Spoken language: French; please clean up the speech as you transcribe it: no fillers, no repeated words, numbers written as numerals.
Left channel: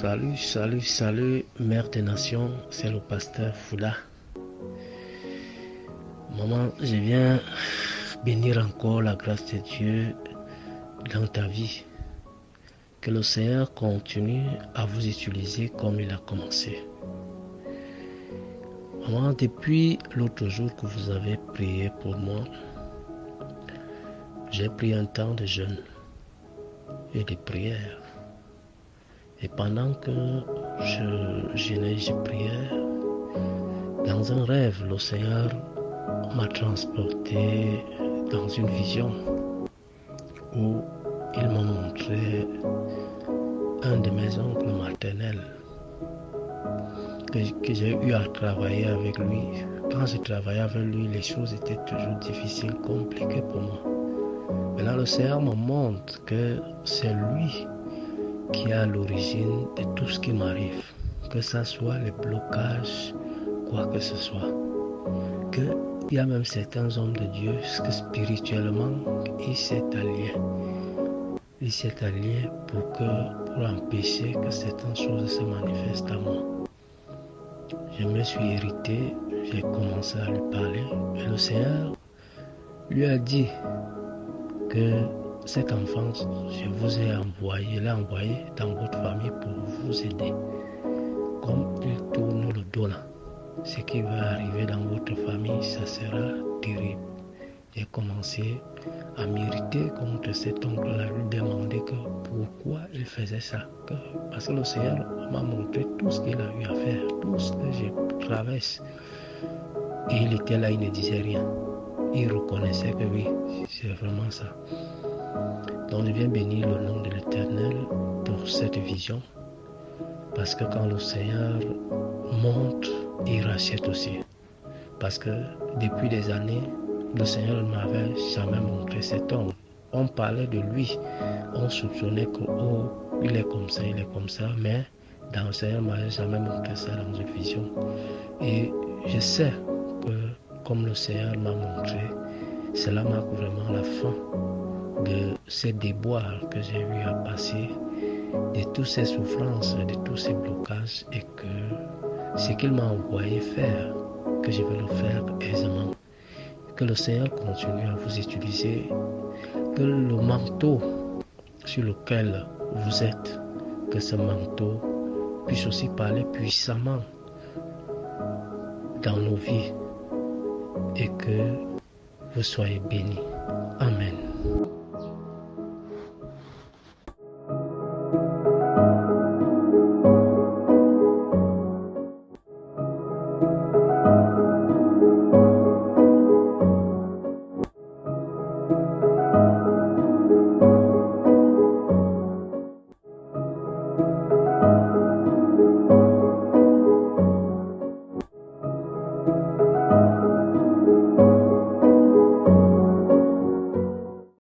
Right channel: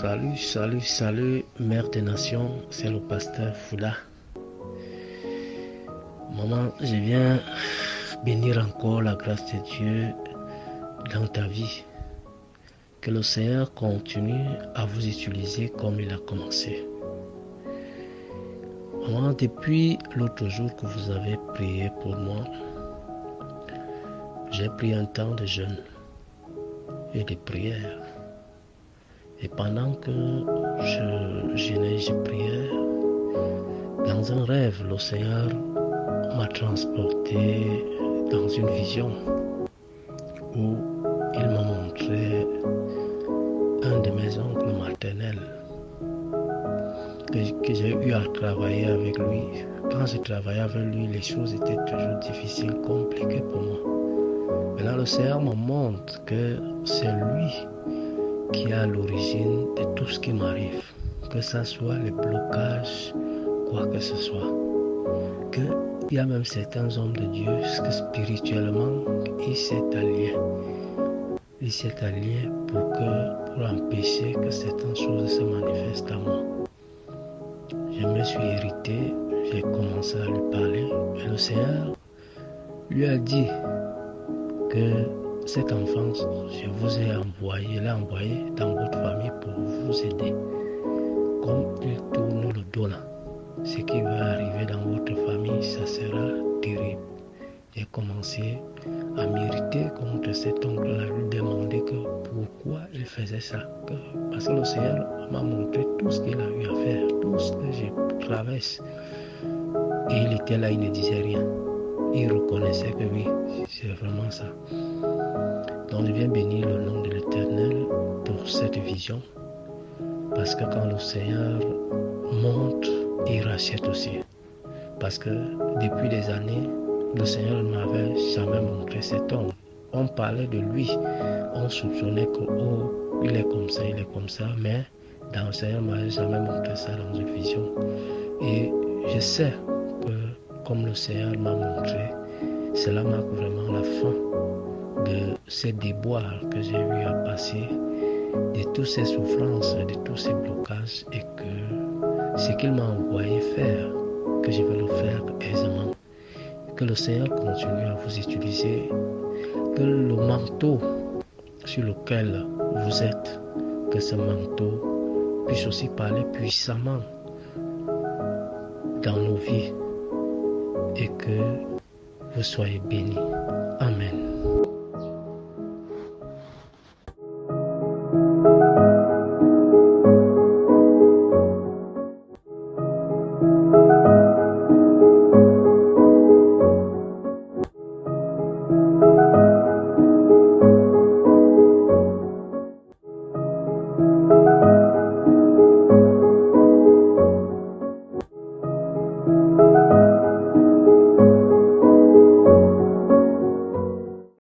Salut, Mère des Nations, c'est le pasteur Fouda. Maman, je viens bénir encore la grâce de Dieu dans ta vie. Que le Seigneur continue à vous utiliser comme il a commencé. Maman, depuis l'autre jour que vous avez prié pour moi, j'ai pris un temps de jeûne et de prière. Et pendant que je jeûnais, je priais, dans un rêve, le Seigneur m'a transporté dans une vision où il m'a montré un de mes oncles maternels que j'ai eu à travailler avec lui. Quand je travaillais avec lui, les choses étaient toujours difficiles, compliquées pour moi. Maintenant, le Seigneur me montre que c'est lui qui est à l'origine de tout ce qui m'arrive, que ce soit les blocages, quoi que ce soit. Qu'il y a même certains hommes de Dieu que spirituellement, il s'est allié. Il s'est allié pour empêcher que certaines choses se manifestent à moi. Je me suis irrité, j'ai commencé à lui parler. Et le Seigneur lui a dit que cet enfant, je vous ai envoyé, l'ai envoyé dans votre famille pour vous aider. Comme il tourne le dos là, ce qui va arriver dans votre famille, ça sera terrible. J'ai commencé à m'irriter contre cet oncle-là, lui demander que pourquoi il faisait ça. Parce que le Seigneur m'a montré tout ce qu'il a eu à faire, tout ce que je traverse. Et il était là, il ne disait rien. Il reconnaissait que oui, c'est vraiment ça. Donc je viens bénir le nom de l'Éternel pour cette vision. Parce que quand le Seigneur montre, il rachète aussi. Parce que depuis des années, le Seigneur ne m'avait jamais montré cet homme. On parlait de lui, on soupçonnait que il est comme ça, mais dans le Seigneur ne m'avait jamais montré ça dans une vision. Et je sais que comme le Seigneur m'a montré, cela marque vraiment la fin de ces déboires que j'ai eu à passer, de toutes ces souffrances, de tous ces blocages, et que ce qu'il m'a envoyé faire, que je vais le faire aisément. Que le Seigneur continue à vous utiliser, que le manteau sur lequel vous êtes, que ce manteau puisse aussi parler puissamment dans nos vies et que vous soyez bénis. Amen.